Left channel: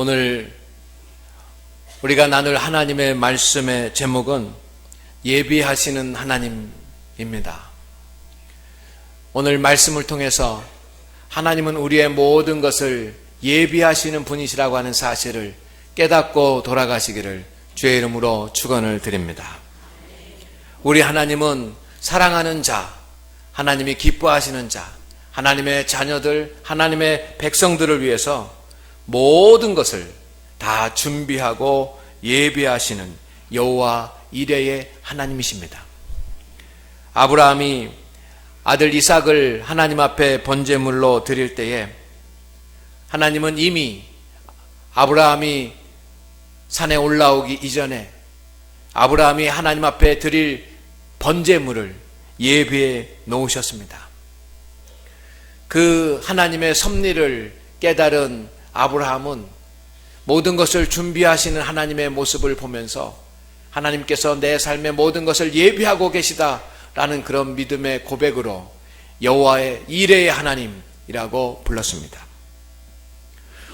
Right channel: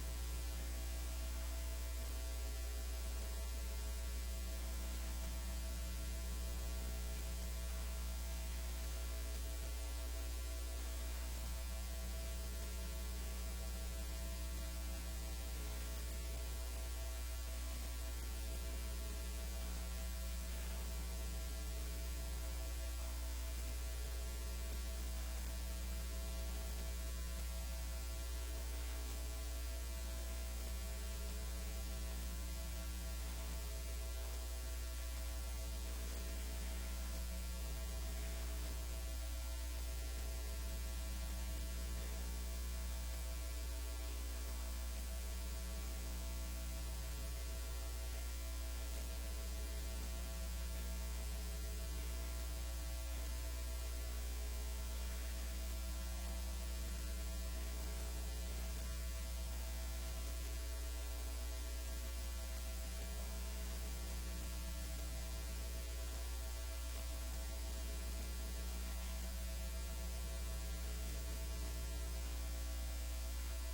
오늘 우리가 나눌 하나님의 말씀의 제목은 예비하시는 하나님입니다. 오늘 말씀을 통해서 하나님은 우리의 모든 것을 예비하시는 분이시라고 하는 사실을 깨닫고 돌아가시기를 주의 이름으로 축원을 드립니다. 우리 하나님은 사랑하는 자, 하나님이 기뻐하시는 자, 하나님의 자녀들, 하나님의 백성들을 위해서 모든 것을 다 준비하고 예비하시는 여호와 이레의 하나님이십니다. 아브라함이 아들 이삭을 하나님 앞에 번제물로 드릴 때에 하나님은 이미 아브라함이 산에 올라오기 이전에 아브라함이 하나님 앞에 드릴 번제물을 예비해 놓으셨습니다. 그 하나님의 섭리를 깨달은 아브라함은 모든 것을 준비하시는 하나님의 모습을 보면서 하나님께서 내 삶의 모든 것을 예비하고 계시다라는 그런 믿음의 고백으로 여호와의 이레의 하나님이라고 불렀습니다.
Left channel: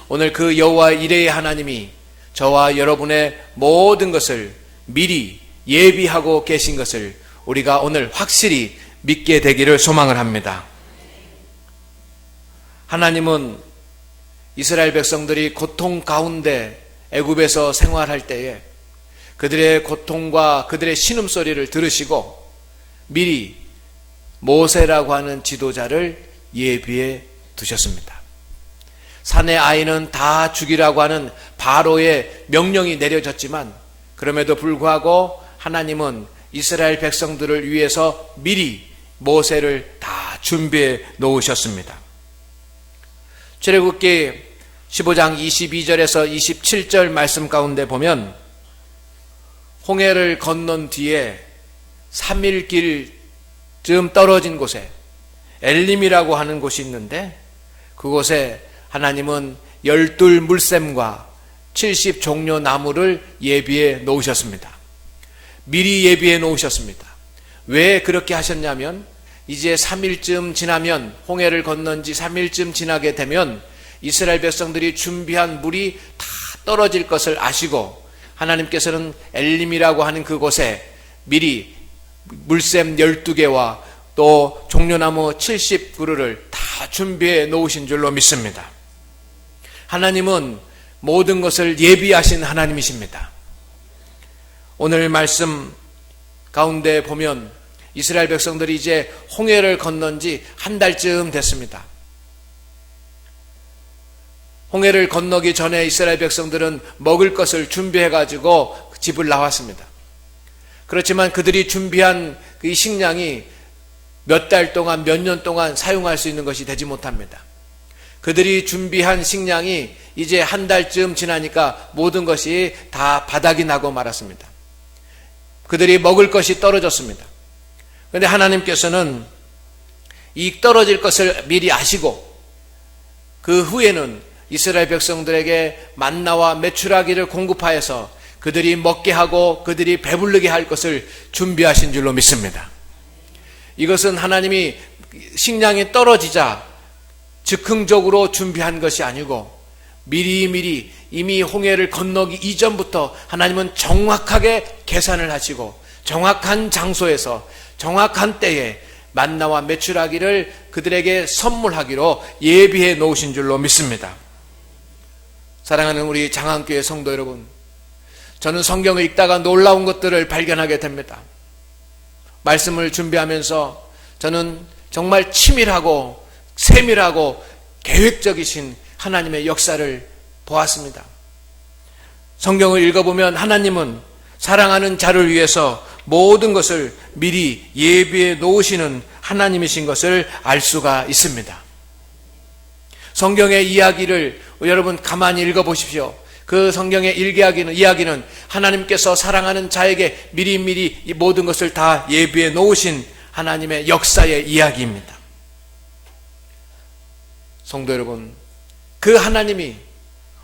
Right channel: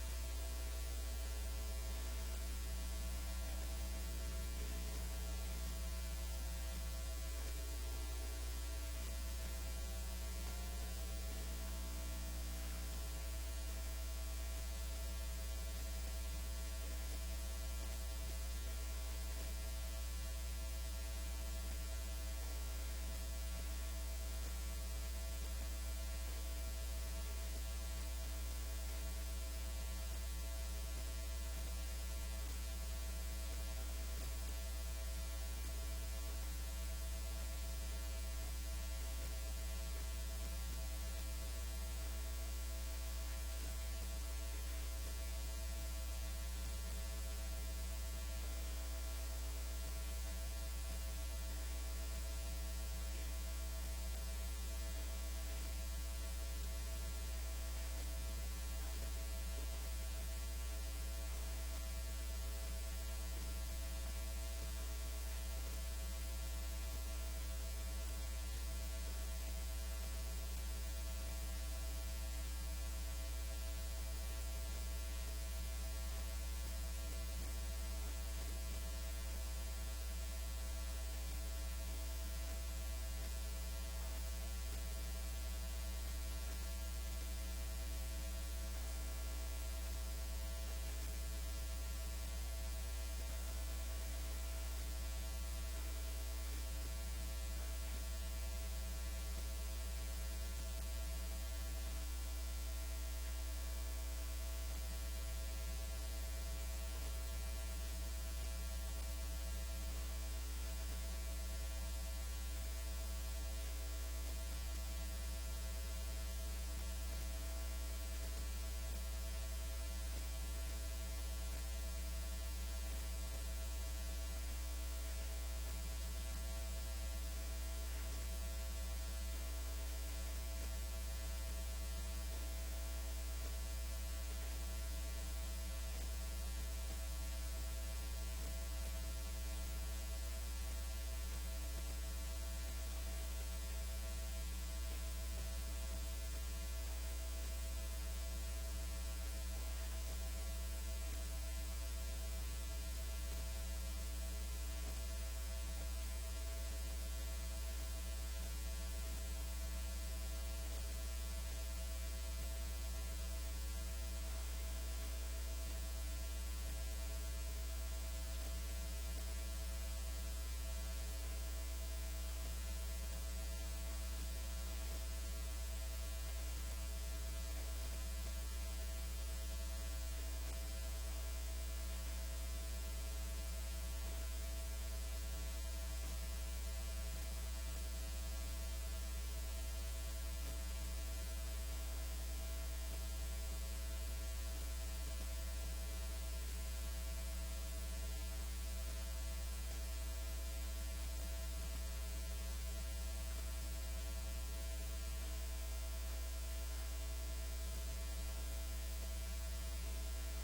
오늘 그 여호와 이레의 하나님이 저와 여러분의 모든 것을 미리 예비하고 계신 것을 우리가 오늘 확실히 믿게 되기를 소망을 합니다. 하나님은 이스라엘 백성들이 고통 가운데 애굽에서 생활할 때에 그들의 고통과 그들의 신음소리를 들으시고 미리 모세라고 하는 지도자를 예비해 두셨습니다. 산의 아이는 다 죽이라고 하는 바로의 명령이 내려졌지만 그럼에도 불구하고 하나님은 이스라엘 백성들을 위해서 미리 모세를 다 준비해 놓으셨습니다. 출애굽기 15장 22절에서 27절 말씀 가운데 보면 홍해를 건넌 뒤에 3일 길쯤 떨어진 곳에 엘림이라고 하는 곳이 있는데 그곳에 하나님은 12 물샘과 70 종려 나무를 예비해 놓으셨습니다. 미리 예비해 놓으셨습니다. 왜 그렇게 하셨냐면 이제 3일쯤 지나면 홍해를 건넌 지 3일쯤 지나게 되면 이스라엘 백성들이 준비한 물이 다 떨어질 것을 아시고 하나님께서는 엘림이라고 하는 그곳에 미리 물샘 12개와 또 종려나무 70그루를 다 준비해 놓으신 줄로 믿습니다. 하나님은 모든 것을 예비하신 하나님이십니다. 오늘 말씀 가운데 보면 이스라엘 백성들이 이제 홍해를 건넌 지 한 달쯤 됐습니다. 홍해를 건너기 전에 이스라엘 백성들은 먹을 것을 준비해 가지고 집을 나왔습니다. 그렇지만 그들이 준비한 이 식량이 몇 달 동안 몇 년 동안 사용할 수 있는 것이 되지 못합니다. 그들이 준비한 식량이 이제 한 달쯤 지나니까 모든 것이 다 바닥이 나고 말았습니다. 그들이 먹을 것이 떨어졌습니다. 그런데 하나님께서는 이 떨어질 것을 미리 아시고 그 후에는 이스라엘 백성들에게 만나와 메추라기를 공급하여서 그들이 먹게 하고 그들이 배부르게 할 것을 준비하신 줄로 믿습니다. 이것은 하나님이 식량이 떨어지자 즉흥적으로 준비한 것이 아니고 미리미리 이미 홍해를 건너기 이전부터 하나님은 정확하게 계산을 하시고 정확한 장소에서 정확한 때에 만나와 메추라기를 그들에게 선물하기로 예비해 놓으신 줄로 믿습니다. 사랑하는 우리 장안교회 성도 여러분, 저는 성경을 읽다가 놀라운 것들을 발견하게 됩니다. 말씀을 준비하면서 저는 정말 치밀하고 세밀하고 계획적이신 하나님의 역사를 보았습니다. 성경을 읽어보면 하나님은 사랑하는 자를 위해서 모든 것을 미리 예비해 놓으시는 하나님이신 것을 알 수가 있습니다. 성경의 이야기를 여러분 가만히 읽어보십시오. 그 성경의 이야기는 하나님께서 사랑하는 자에게 미리미리 이 모든 것을 다 예비해 놓으신 하나님의 역사의 이야기입니다. 성도 여러분, 그 하나님이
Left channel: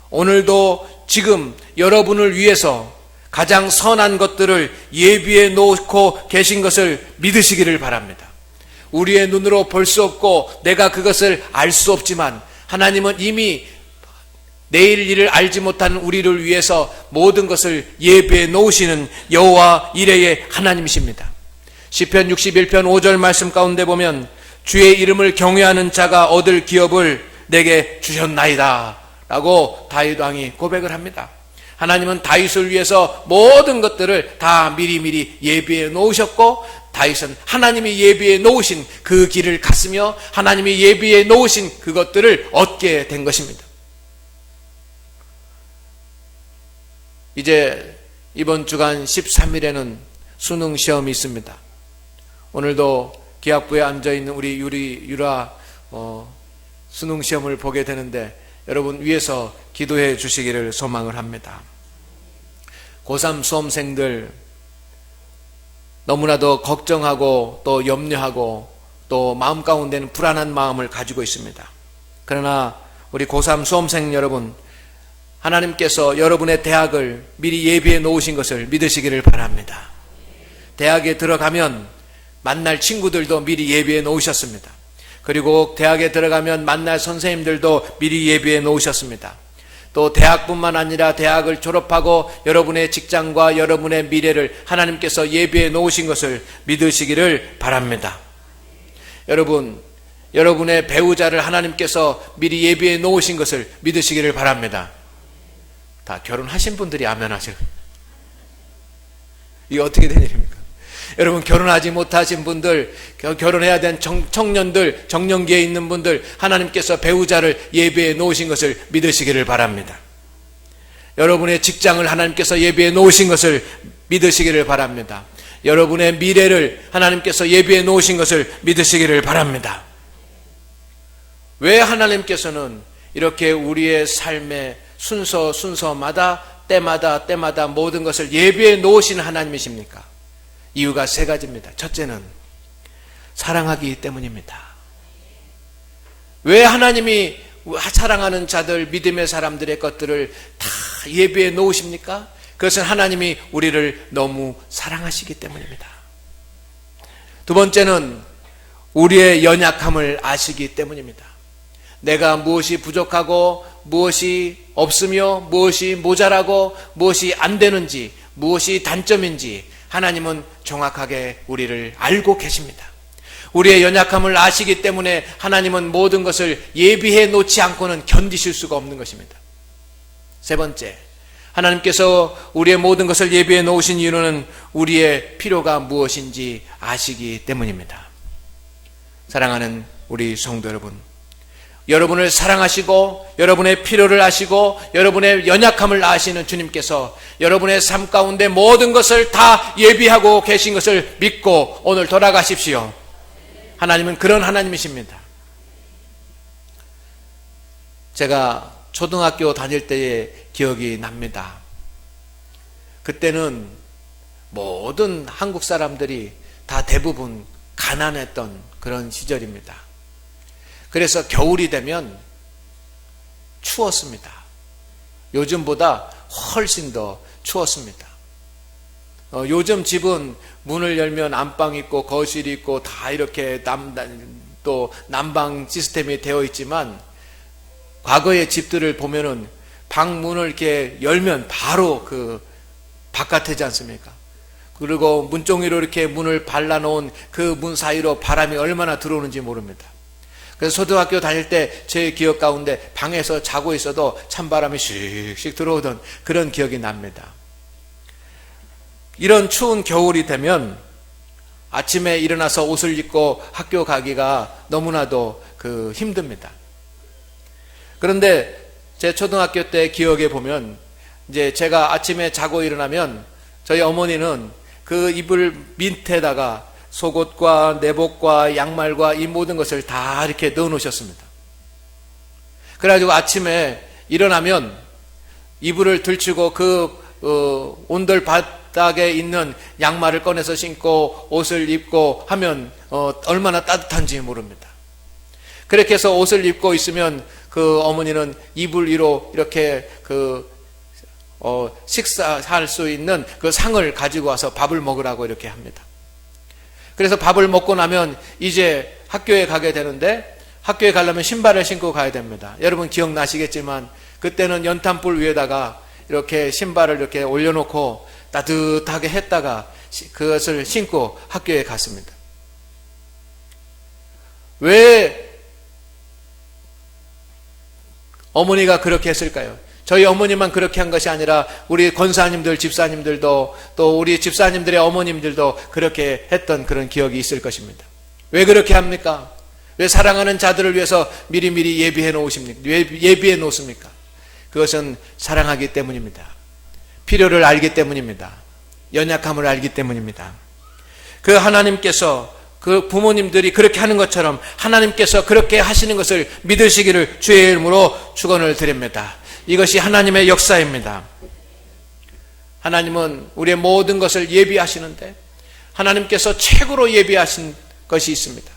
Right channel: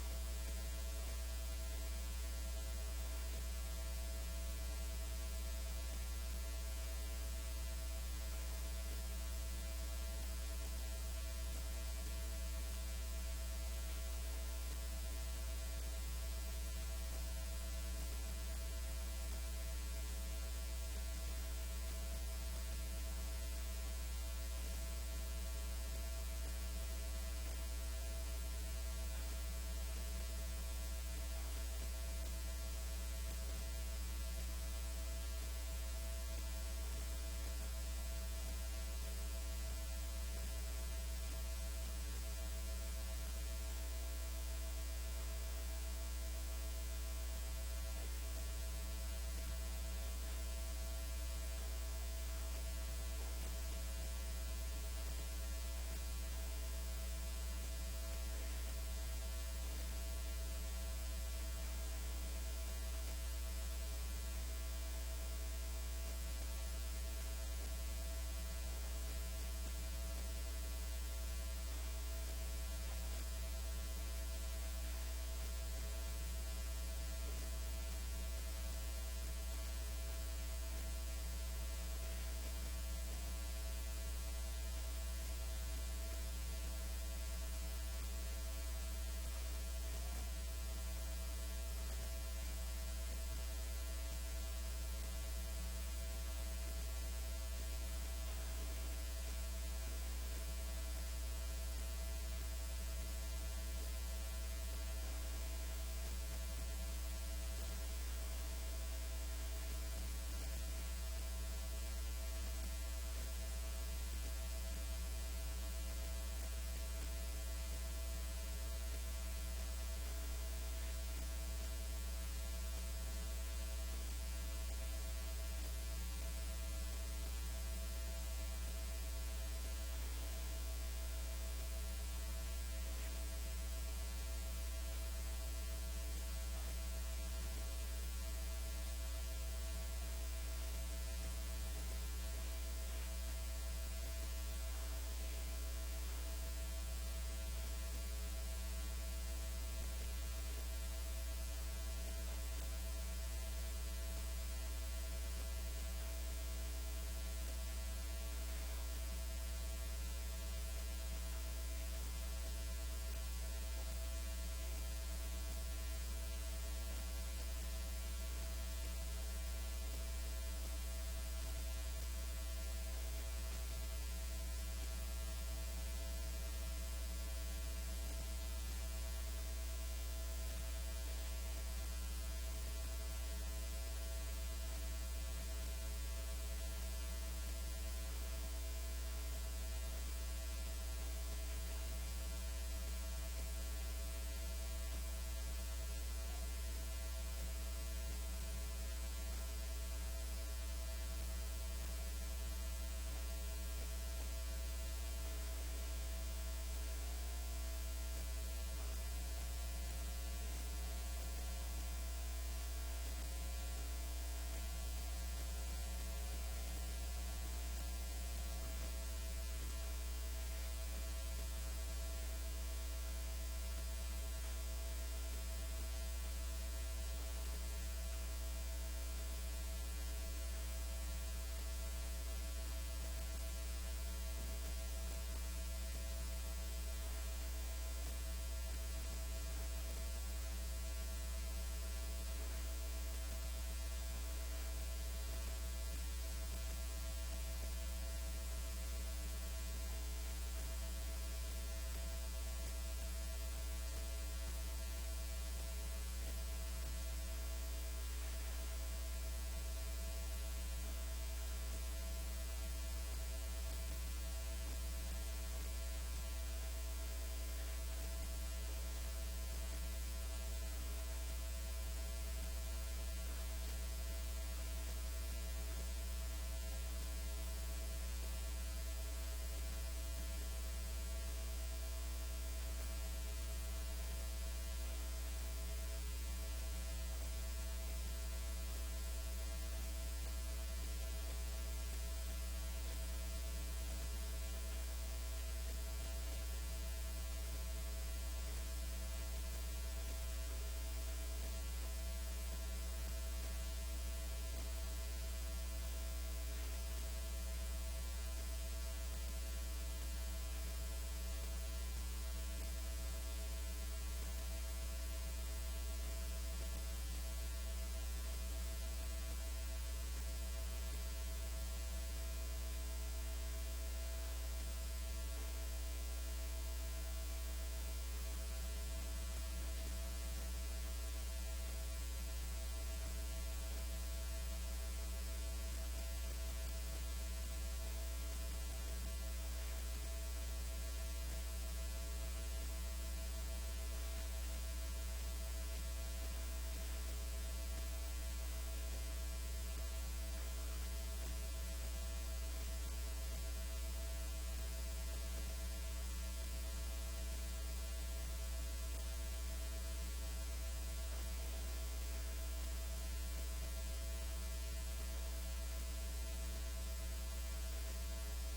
오늘도 지금 여러분을 위해서 가장 선한 것들을 예비해 놓고 계신 것을 믿으시기를 바랍니다. 우리의 눈으로 볼 수 없고 내가 그것을 알 수 없지만 하나님은 이미 내일 일을 알지 못하는 우리를 위해서 모든 것을 예비해 놓으시는 여호와 이레의 하나님이십니다. 시편 61편 5절 말씀 가운데 보면 주의 이름을 경외하는 자가 얻을 기업을 내게 주셨나이다 라고 다윗 왕이 고백을 합니다. 하나님은 다윗을 위해서 모든 것들을 다 미리미리 예비해 놓으셨고, 다윗은 하나님이 예비해 놓으신 그 길을 갔으며 하나님이 예비해 놓으신 그것들을 얻게 된 것입니다. 이제 이번 주간 13일에는 수능 시험이 있습니다. 오늘도 기학부에 앉아있는 우리 유라 수능 시험을 보게 되는데 여러분 위해서 기도해 주시기를 소망을 합니다. 고3 수험생들 너무나도 걱정하고 또 염려하고 또 마음 가운데는 불안한 마음을 가지고 있습니다. 그러나 우리 고3 수험생 여러분, 하나님께서 여러분의 대학을 미리 예비해 놓으신 것을 믿으시기를 바랍니다. 대학에 들어가면 만날 친구들도 미리 예비해 놓으셨습니다. 그리고 대학에 들어가면 만날 선생님들도 미리 예비해 놓으셨습니다. 또 대학뿐만 아니라 대학을 졸업하고 여러분의 직장과 여러분의 미래를 하나님께서 예비해 놓으신 것을 믿으시기를 바랍니다. 여러분, 여러분의 배우자를 하나님께서 미리 예비해 놓으신 것을 믿으시기를 바랍니다. 다 결혼하신 분들이 아멘 하세요. 이게 어떻게 된 일입니까? 여러분, 결혼하지 못하신 분들, 결혼해야 된 청년들, 정년기에 있는 분들, 하나님께서 배우자를 예비해 놓으신 것을 믿으시기를 바랍니다. 여러분의 직장을 하나님께서 예비해 놓으신 것을 믿으시기를 바랍니다. 여러분의 미래를 하나님께서 예비해 놓으신 것을 믿으시기를 바랍니다. 왜 하나님께서는 이렇게 우리의 삶의 순서마다 때마다 모든 것을 예비해 놓으신 하나님이십니까? 이유가 세 가지입니다. 첫째는 사랑하기 때문입니다. 왜 하나님이 사랑하는 자들, 믿음의 사람들의 것들을 다 예비해 놓으십니까? 그것은 하나님이 우리를 너무 사랑하시기 때문입니다. 두 번째는 우리의 연약함을 아시기 때문입니다. 내가 무엇이 부족하고 무엇이 없으며 무엇이 모자라고 무엇이 안 되는지, 무엇이 단점인지 하나님은 정확하게 우리를 알고 계십니다. 우리의 연약함을 아시기 때문에 하나님은 모든 것을 예비해 놓지 않고는 견디실 수가 없는 것입니다. 세 번째, 하나님께서 우리의 모든 것을 예비해 놓으신 이유는 우리의 필요가 무엇인지 아시기 때문입니다. 사랑하는 우리 성도 여러분, 여러분을 사랑하시고 여러분의 필요를 아시고 여러분의 연약함을 아시는 주님께서 여러분의 삶 가운데 모든 것을 다 예비하고 계신 것을 믿고 오늘 돌아가십시오. 하나님은 그런 하나님이십니다. 제가 초등학교 다닐 때의 기억이 납니다. 그때는 모든 한국 사람들이 다 대부분 가난했던 그런 시절입니다. 그래서 겨울이 되면 추웠습니다. 요즘보다 훨씬 더 추웠습니다. 요즘 집은 문을 열면 안방 있고 거실 있고 다 이렇게 또 난방 시스템이 되어 있지만 과거의 집들을 보면은 방 문을 이렇게 열면 바로 그 바깥이지 않습니까? 그리고 문종이로 이렇게 문을 발라놓은 그 문 사이로 바람이 얼마나 들어오는지 모릅니다. 그래서 초등학교 다닐 때 제 기억 가운데 방에서 자고 있어도 찬바람이 씩씩 들어오던 그런 기억이 납니다. 이런 추운 겨울이 되면 아침에 일어나서 옷을 입고 학교 가기가 너무나도 힘듭니다. 그런데 제 초등학교 때 기억에 보면 이제 제가 아침에 자고 일어나면 저희 어머니는 그 이불 밑에다가 속옷과 내복과 양말과 이 모든 것을 다 이렇게 넣어 놓으셨습니다. 그래가지고 아침에 일어나면 이불을 들치고 온돌 바닥에 있는 양말을 꺼내서 신고 옷을 입고 하면 얼마나 따뜻한지 모릅니다. 그렇게 해서 옷을 입고 있으면 그 어머니는 이불 위로 이렇게 식사할 수 있는 그 상을 가지고 와서 밥을 먹으라고 이렇게 합니다. 그래서 밥을 먹고 나면 이제 학교에 가게 되는데 학교에 가려면 신발을 신고 가야 됩니다. 여러분 기억나시겠지만 그때는 연탄불 위에다가 이렇게 신발을 이렇게 올려놓고 따뜻하게 했다가 그것을 신고 학교에 갔습니다. 왜 어머니가 그렇게 했을까요? 저희 어머니만 그렇게 한 것이 아니라 우리 권사님들, 집사님들도 또 우리 집사님들의 어머님들도 그렇게 했던 그런 기억이 있을 것입니다. 왜 그렇게 합니까? 왜 사랑하는 자들을 위해서 미리미리 예비해 놓으십니까? 예비해 놓습니까? 그것은 사랑하기 때문입니다. 필요를 알기 때문입니다. 연약함을 알기 때문입니다. 그 하나님께서 그 부모님들이 그렇게 하는 것처럼 하나님께서 그렇게 하시는 것을 믿으시기를 주의 이름으로 축원을 드립니다. 이것이 하나님의 역사입니다. 하나님은 우리의 모든 것을 예비하시는데 하나님께서 최고로 예비하신 것이 있습니다.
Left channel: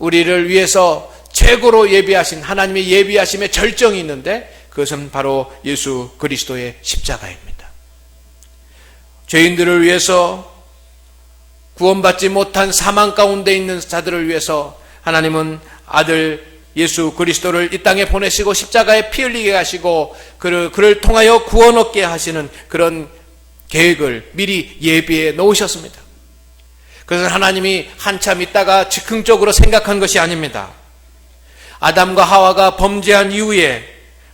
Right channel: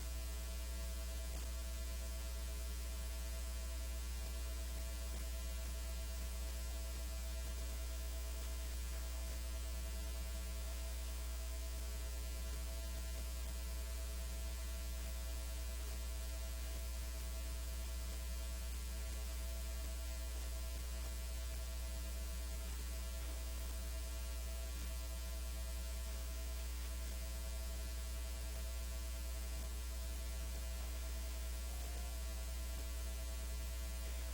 우리를 위해서 최고로 예비하신 하나님의 예비하심의 절정이 있는데 그것은 바로 예수 그리스도의 십자가입니다. 죄인들을 위해서 구원받지 못한 사망 가운데 있는 자들을 위해서 하나님은 아들 예수 그리스도를 이 땅에 보내시고 십자가에 피 흘리게 하시고 그를 통하여 구원 얻게 하시는 그런 계획을 미리 예비해 놓으셨습니다. 그것은 하나님이 한참 있다가 즉흥적으로 생각한 것이 아닙니다. 아담과 하와가 범죄한 이후에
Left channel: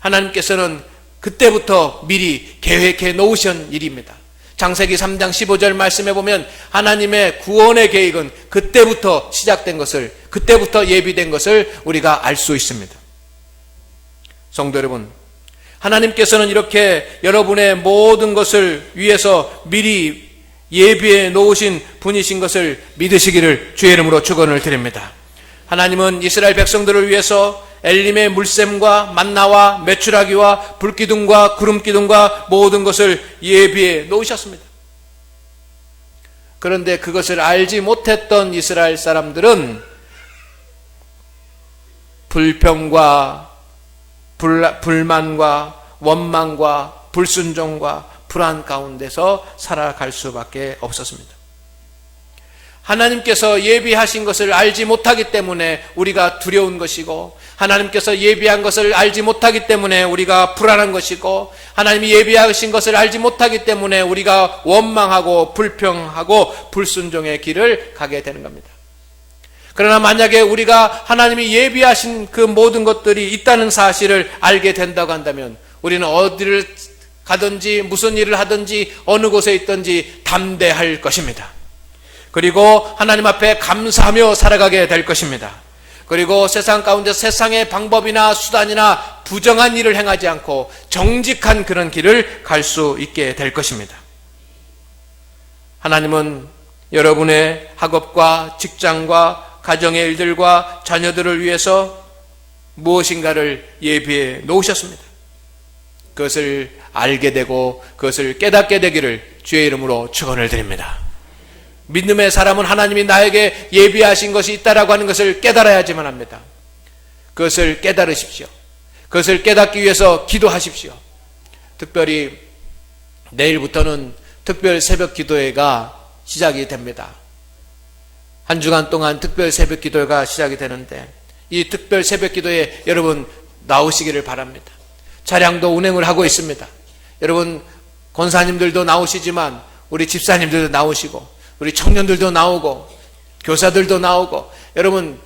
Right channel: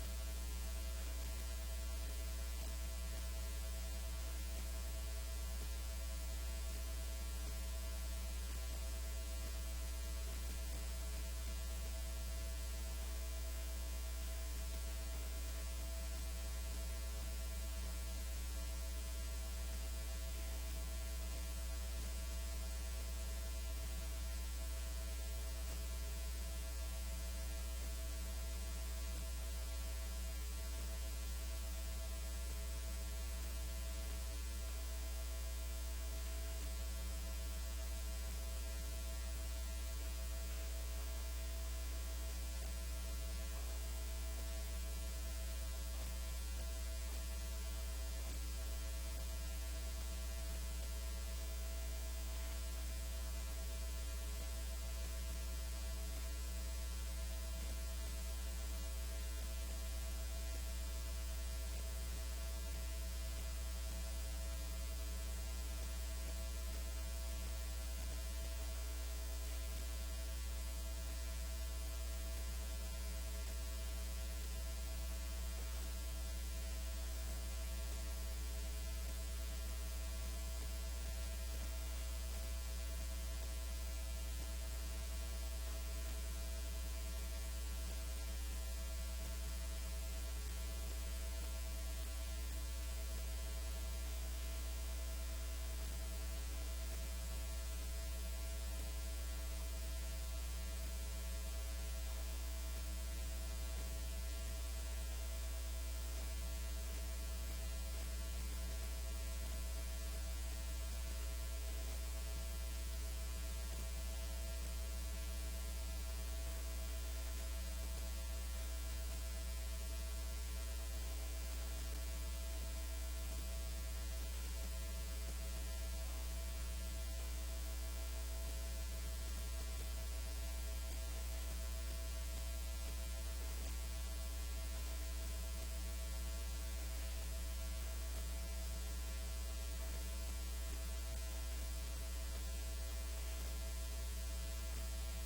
하나님께서는 그때부터 미리 계획해 놓으신 일입니다. 창세기 3장 15절 말씀해 보면 하나님의 구원의 계획은 그때부터 시작된 것을, 그때부터 예비된 것을 우리가 알 수 있습니다. 성도 여러분, 하나님께서는 이렇게 여러분의 모든 것을 위해서 미리 예비해 놓으신 분이신 것을 믿으시기를 주의 이름으로 축원을 드립니다. 하나님은 이스라엘 백성들을 위해서 엘림의 물샘과 만나와 메추라기와 불기둥과 구름기둥과 모든 것을 예비해 놓으셨습니다. 그런데 그것을 알지 못했던 이스라엘 사람들은 불평과 불만과 원망과 불순종과 불안 가운데서 살아갈 수밖에 없었습니다. 하나님께서 예비하신 것을 알지 못하기 때문에 우리가 두려운 것이고, 하나님께서 예비한 것을 알지 못하기 때문에 우리가 불안한 것이고, 하나님이 예비하신 것을 알지 못하기 때문에 우리가 원망하고 불평하고 불순종의 길을 가게 되는 겁니다. 그러나 만약에 우리가 하나님이 예비하신 그 모든 것들이 있다는 사실을 알게 된다고 한다면 우리는 어디를 가든지 무슨 일을 하든지 어느 곳에 있든지 담대할 것입니다. 그리고 하나님 앞에 감사하며 살아가게 될 것입니다. 그리고 세상 가운데 세상의 방법이나 수단이나 부정한 일을 행하지 않고 정직한 그런 길을 갈 수 있게 될 것입니다. 하나님은 여러분의 학업과 직장과 가정의 일들과 자녀들을 위해서 무엇인가를 예비해 놓으셨습니다. 그것을 알게 되고 그것을 깨닫게 되기를 주의 이름으로 축원을 드립니다. 믿음의 사람은 하나님이 나에게 예비하신 것이 있다라고 하는 것을 깨달아야지만 합니다. 그것을 깨달으십시오. 그것을 깨닫기 위해서 기도하십시오. 특별히 내일부터는 특별 새벽 기도회가 시작이 됩니다. 한 주간 동안 특별 새벽 기도회가 시작이 되는데 이 특별 새벽 기도회에 여러분 나오시기를 바랍니다. 차량도 운행을 하고 있습니다. 여러분 권사님들도 나오시지만 우리 집사님들도 나오시고 우리 청년들도 나오고 교사들도 나오고 여러분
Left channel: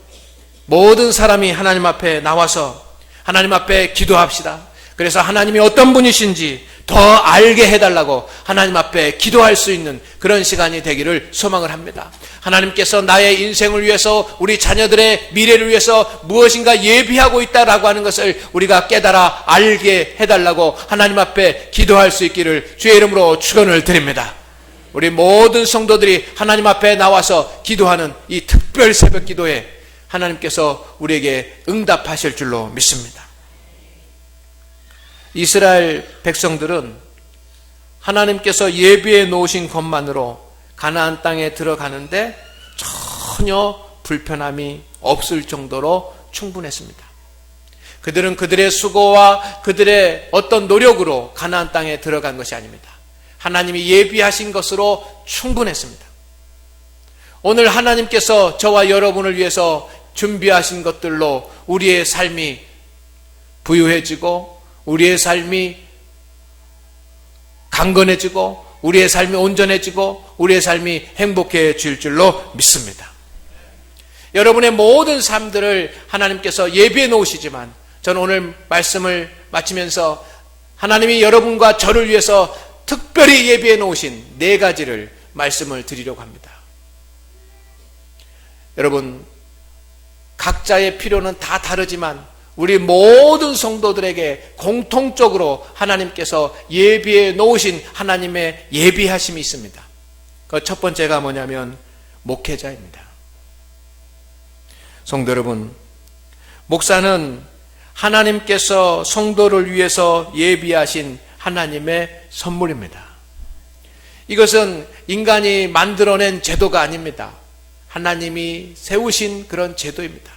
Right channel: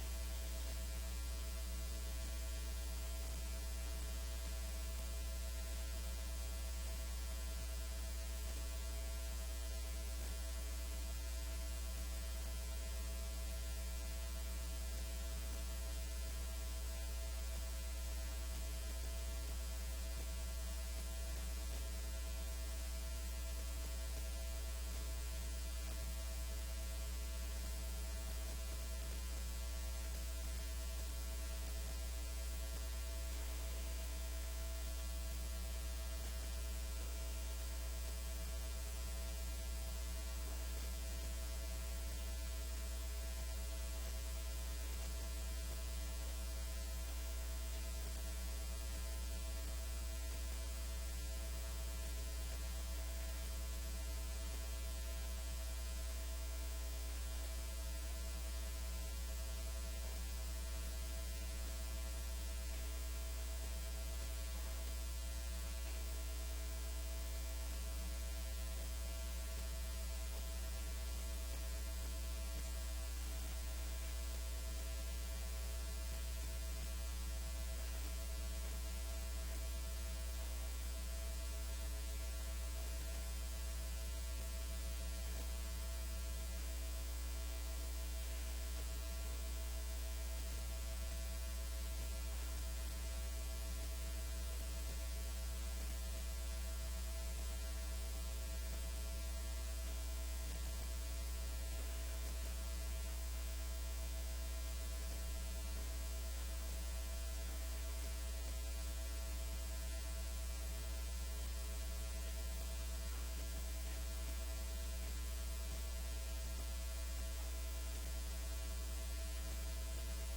모든 사람이 하나님 앞에 나와서 하나님 앞에 기도합시다. 그래서 하나님이 어떤 분이신지 더 알게 해달라고 하나님 앞에 기도할 수 있는 그런 시간이 되기를 소망을 합니다. 하나님께서 나의 인생을 위해서 우리 자녀들의 미래를 위해서 무엇인가 예비하고 있다라고 하는 것을 우리가 깨달아 알게 해달라고 하나님 앞에 기도할 수 있기를 주의 이름으로 축원을 드립니다. 우리 모든 성도들이 하나님 앞에 나와서 기도하는 이 특별 새벽 기도에 하나님께서 우리에게 응답하실 줄로 믿습니다. 이스라엘 백성들은 하나님께서 예비해 놓으신 것만으로 가나안 땅에 들어가는데 전혀 불편함이 없을 정도로 충분했습니다. 그들은 그들의 수고와 그들의 어떤 노력으로 가나안 땅에 들어간 것이 아닙니다. 하나님이 예비하신 것으로 충분했습니다. 오늘 하나님께서 저와 여러분을 위해서 준비하신 것들로 우리의 삶이 부유해지고 우리의 삶이 강건해지고 우리의 삶이 온전해지고 우리의 삶이 행복해질 줄로 믿습니다. 여러분의 모든 삶들을 하나님께서 예비해 놓으시지만 저는 오늘 말씀을 마치면서 하나님이 여러분과 저를 위해서 특별히 예비해 놓으신 4가지를 말씀을 드리려고 합니다. 여러분, 각자의 필요는 다 다르지만 우리 모든 성도들에게 공통적으로 하나님께서 예비해 놓으신 하나님의 예비하심이 있습니다. 그 첫 번째가 뭐냐면 목회자입니다. 성도 여러분, 목사는 하나님께서 성도를 위해서 예비하신 하나님의 선물입니다. 이것은 인간이 만들어낸 제도가 아닙니다. 하나님이 세우신 그런 제도입니다.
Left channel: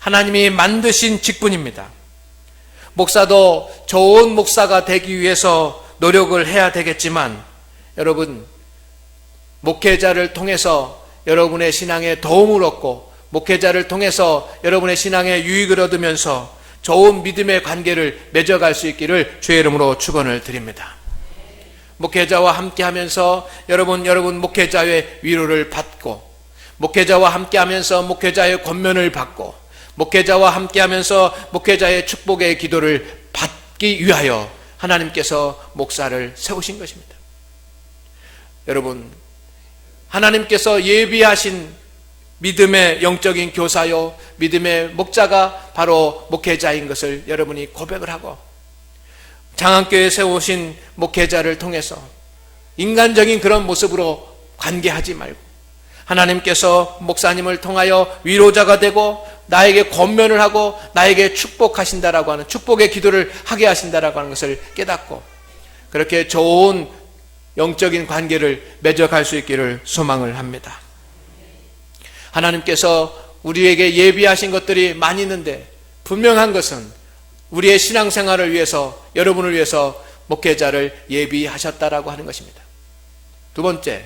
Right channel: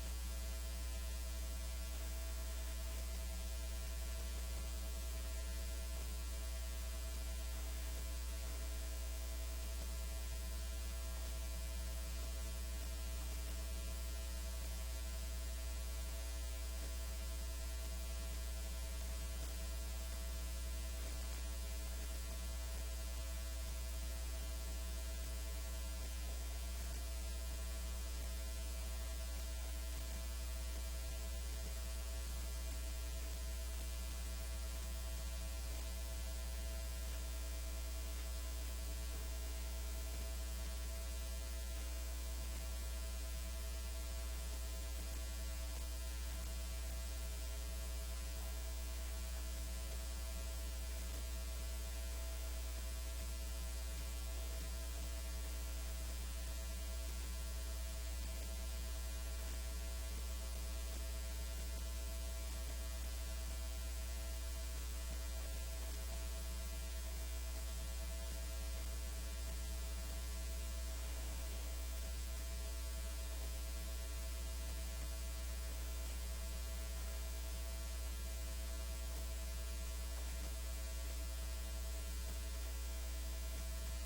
하나님이 만드신 직분입니다. 목사도 좋은 목사가 되기 위해서 노력을 해야 되겠지만 여러분, 목회자를 통해서 여러분의 신앙에 도움을 얻고 목회자를 통해서 여러분의 신앙에 유익을 얻으면서 좋은 믿음의 관계를 맺어갈 수 있기를 주의 이름으로 축원을 드립니다. 목회자와 함께하면서 여러분 목회자의 위로를 받고 목회자와 함께하면서 목회자의 권면을 받고 목회자와 함께하면서 목회자의 축복의 기도를 받기 위하여 하나님께서 목사를 세우신 것입니다. 여러분, 하나님께서 예비하신 믿음의 영적인 교사요 믿음의 목자가 바로 목회자인 것을 여러분이 고백을 하고 장안교회에 세우신 목회자를 통해서 인간적인 그런 모습으로 관계하지 말고 하나님께서 목사님을 통하여 위로자가 되고 나에게 권면을 하고 나에게 축복하신다라고 하는 축복의 기도를 하게 하신다라고 하는 것을 깨닫고 그렇게 좋은 영적인 관계를 맺어갈 수 있기를 소망을 합니다. 하나님께서 우리에게 예비하신 것들이 많이 있는데 분명한 것은 우리의 신앙생활을 위해서 여러분을 위해서 목회자를 예비하셨다라고 하는 것입니다. 두 번째,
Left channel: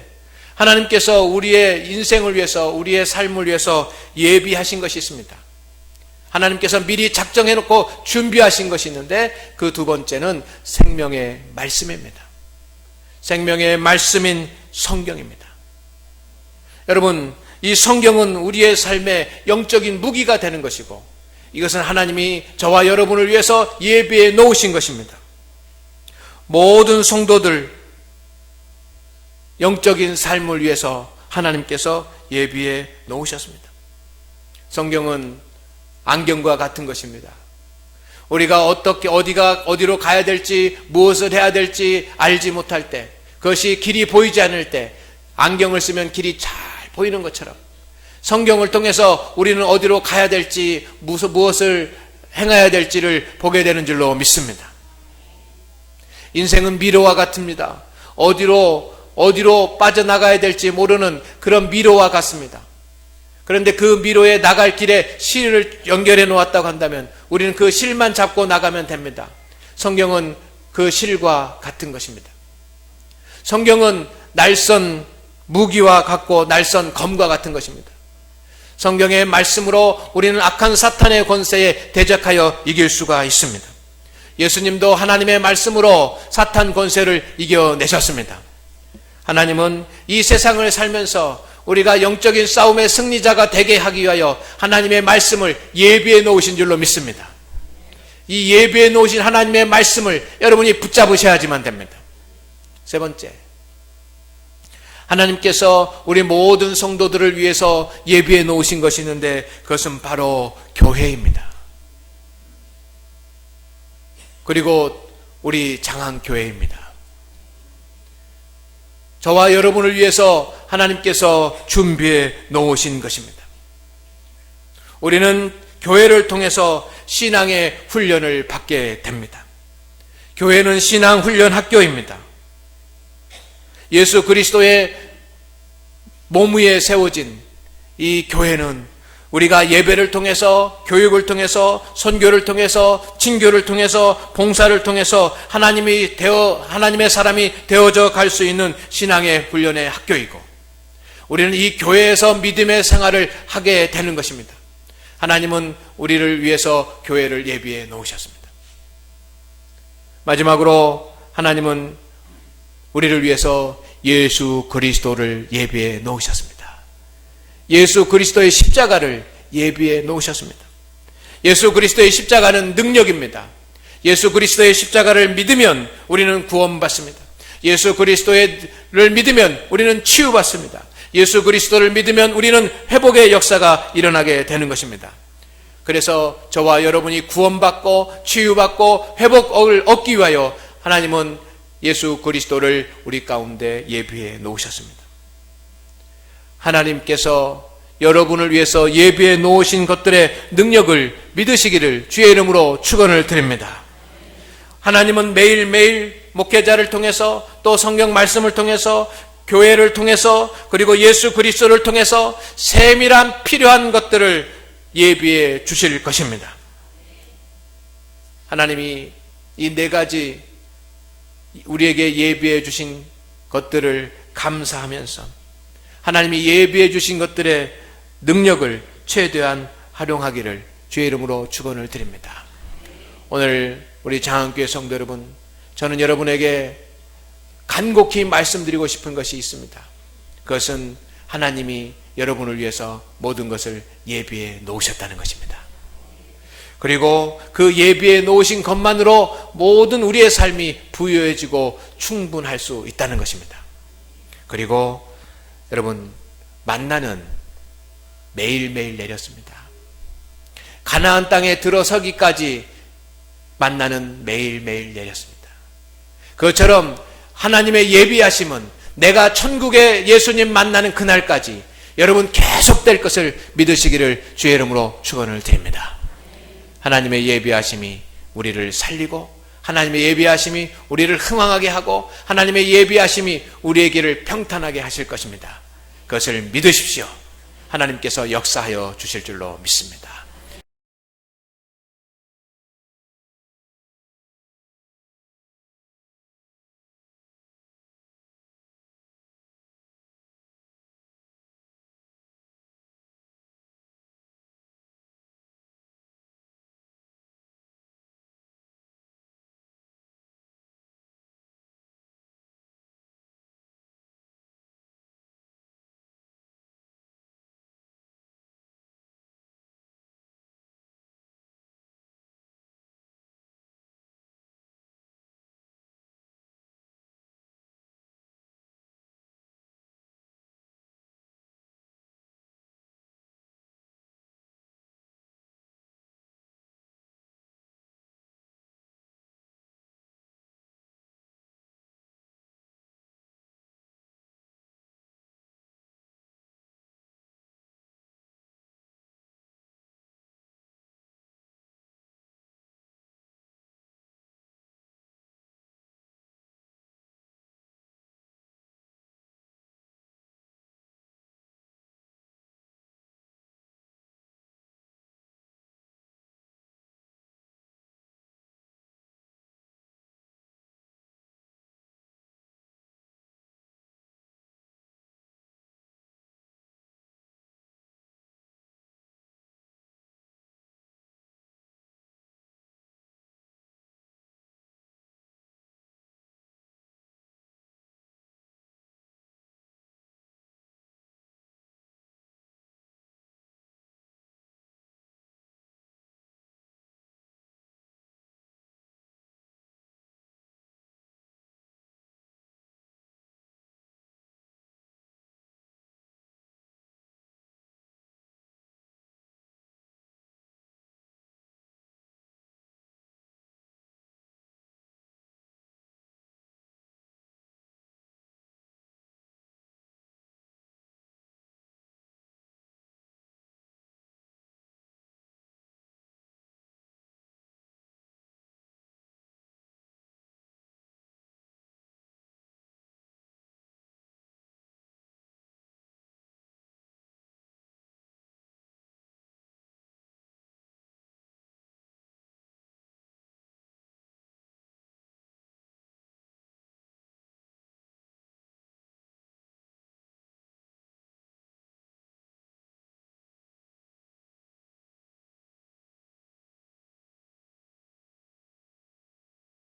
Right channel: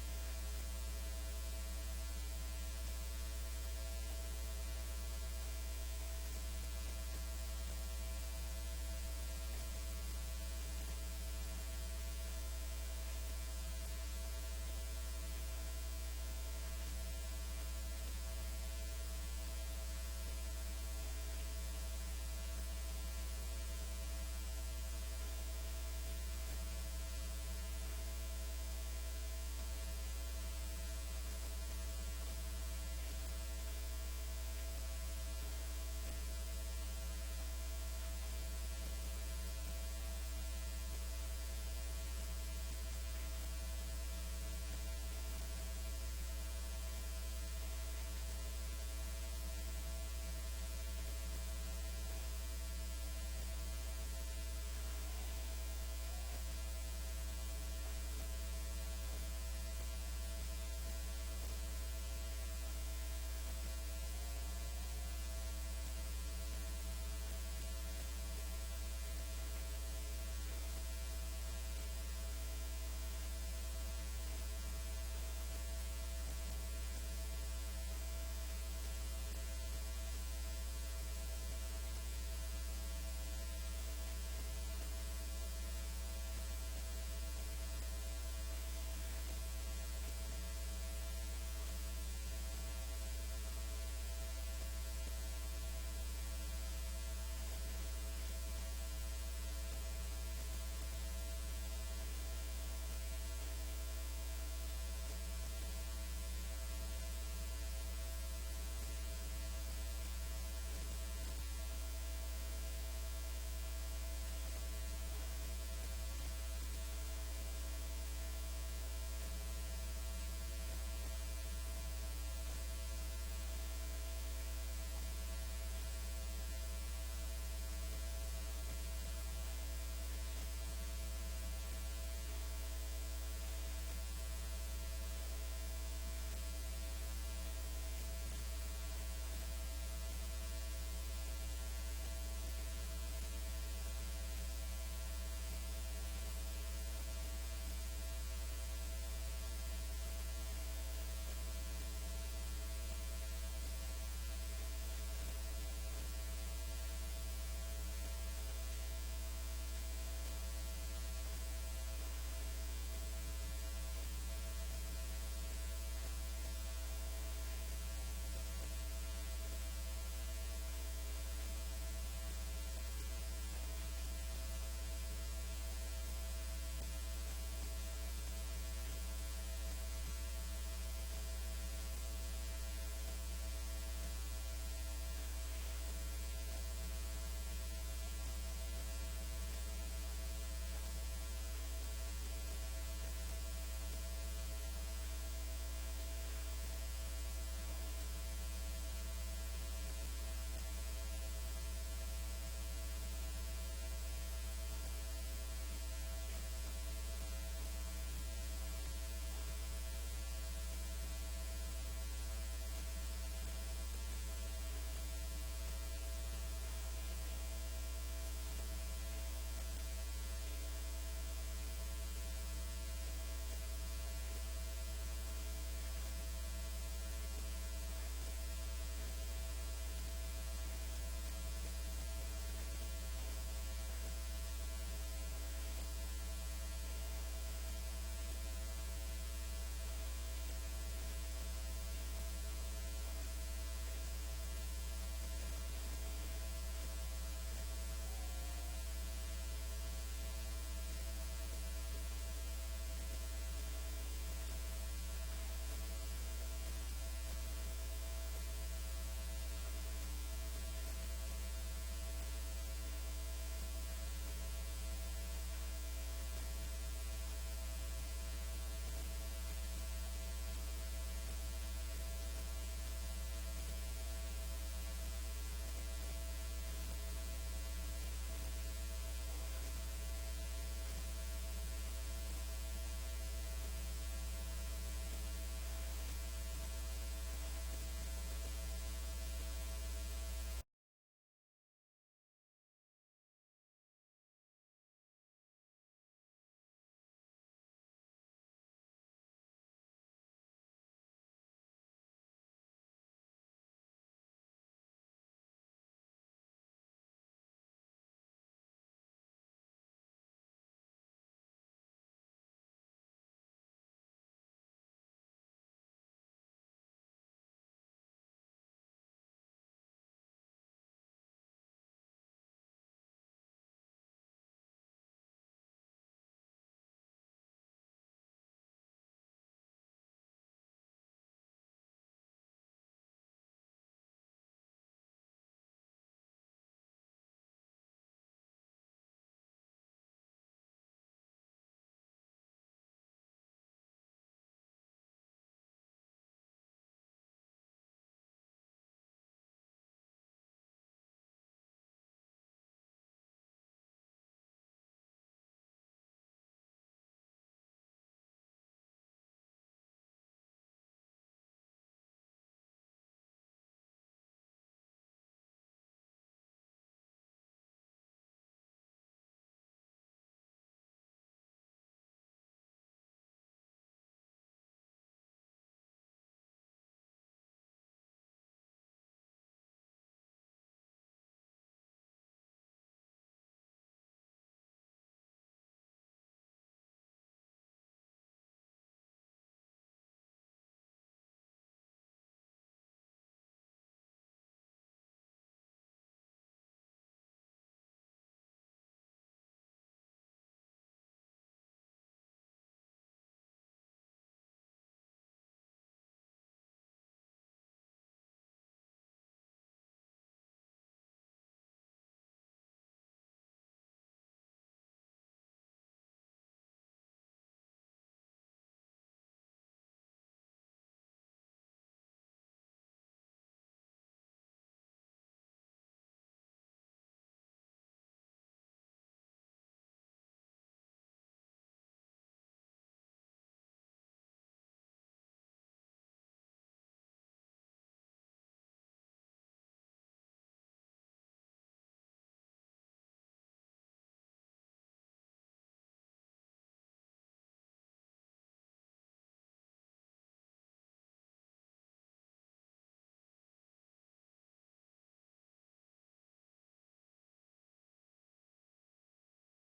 하나님께서 우리의 인생을 위해서 우리의 삶을 위해서 예비하신 것이 있습니다. 하나님께서 미리 작정해놓고 준비하신 것이 있는데 그 두 번째는 생명의 말씀입니다. 생명의 말씀인 성경입니다. 여러분, 이 성경은 우리의 삶의 영적인 무기가 되는 것이고 이것은 하나님이 저와 여러분을 위해서 예비해 놓으신 것입니다. 모든 성도들 영적인 삶을 위해서 하나님께서 예비해 놓으셨습니다. 성경은 안경과 같은 것입니다. 우리가 어디로 가야 될지 무엇을 해야 될지 알지 못할 때 그것이 길이 보이지 않을 때 안경을 쓰면 길이 잘 보이는 것처럼 성경을 통해서 우리는 어디로 가야 될지 무엇을 행해야 될지를 보게 되는 줄로 믿습니다. 인생은 미로와 같습니다. 어디로 빠져나가야 될지 모르는 그런 미로와 같습니다. 그런데 그 미로에 나갈 길에 실을 연결해 놓았다고 한다면 우리는 그 실만 잡고 나가면 됩니다. 성경은 그 실과 같은 것입니다. 성경은 날선 무기와 같고 날선 검과 같은 것입니다. 성경의 말씀으로 우리는 악한 사탄의 권세에 대적하여 이길 수가 있습니다. 예수님도 하나님의 말씀으로 사탄 권세를 이겨내셨습니다. 하나님은 이 세상을 살면서 우리가 영적인 싸움의 승리자가 되게 하기 위하여 하나님의 말씀을 예비해 놓으신 줄로 믿습니다. 이 예비해 놓으신 하나님의 말씀을 여러분이 붙잡으셔야지만 됩니다. 세 번째, 하나님께서 우리 모든 성도들을 위해서 예비해 놓으신 것이 있는데 그것은 바로 교회입니다. 그리고 우리 장안교회입니다. 저와 여러분을 위해서 하나님께서 준비해 놓으신 것입니다. 우리는 교회를 통해서 신앙의 훈련을 받게 됩니다. 교회는 신앙 훈련 학교입니다. 예수 그리스도의 몸 위에 세워진 이 교회는 우리가 예배를 통해서 교육을 통해서 선교를 통해서 친교를 통해서 봉사를 통해서 하나님의 사람이 되어져 갈 수 있는 신앙의 훈련의 학교이고 우리는 이 교회에서 믿음의 생활을 하게 되는 것입니다. 하나님은 우리를 위해서 교회를 예비해 놓으셨습니다. 마지막으로 하나님은 우리를 위해서 예수 그리스도를 예비해 놓으셨습니다. 예수 그리스도의 십자가를 예비해 놓으셨습니다. 예수 그리스도의 십자가는 능력입니다. 예수 그리스도의 십자가를 믿으면 우리는 구원받습니다. 예수 그리스도를 믿으면 우리는 치유받습니다. 예수 그리스도를 믿으면 우리는 회복의 역사가 일어나게 되는 것입니다. 그래서 저와 여러분이 구원받고 치유받고 회복을 얻기 위하여 하나님은 예수 그리스도를 우리 가운데 예비해 놓으셨습니다. 하나님께서 여러분을 위해서 예비해 놓으신 것들의 능력을 믿으시기를 주의 이름으로 축원을 드립니다. 하나님은 매일매일 목회자를 통해서 또 성경 말씀을 통해서 교회를 통해서 그리고 예수 그리스도를 통해서 세밀한 필요한 것들을 예비해 주실 것입니다. 하나님이 이 네 가지 우리에게 예비해 주신 것들을 감사하면서 하나님이 예비해 주신 것들의 능력을 최대한 활용하기를 주의 이름으로 축원을 드립니다. 오늘 우리 장안교회 성도 여러분, 저는 여러분에게 간곡히 말씀드리고 싶은 것이 있습니다. 그것은 하나님이 여러분을 위해서 모든 것을 예비해 놓으셨다는 것입니다. 그리고 그 예비해 놓으신 것만으로 모든 우리의 삶이 부유해지고 충분할 수 있다는 것입니다. 그리고 여러분, 만나는 매일매일 내렸습니다. 가나안 땅에 들어서기까지 만나는 매일매일 내렸습니다. 그것처럼 하나님의 예비하심은 내가 천국에 예수님 만나는 그날까지 여러분 계속될 것을 믿으시기를 주의 이름으로 축원을 드립니다. 하나님의 예비하심이 우리를 살리고 하나님의 예비하심이 우리를 흥왕하게 하고 하나님의 예비하심이 우리의 길을 평탄하게 하실 것입니다. 그것을 믿으십시오. 하나님께서 역사하여 주실 줄로 믿습니다.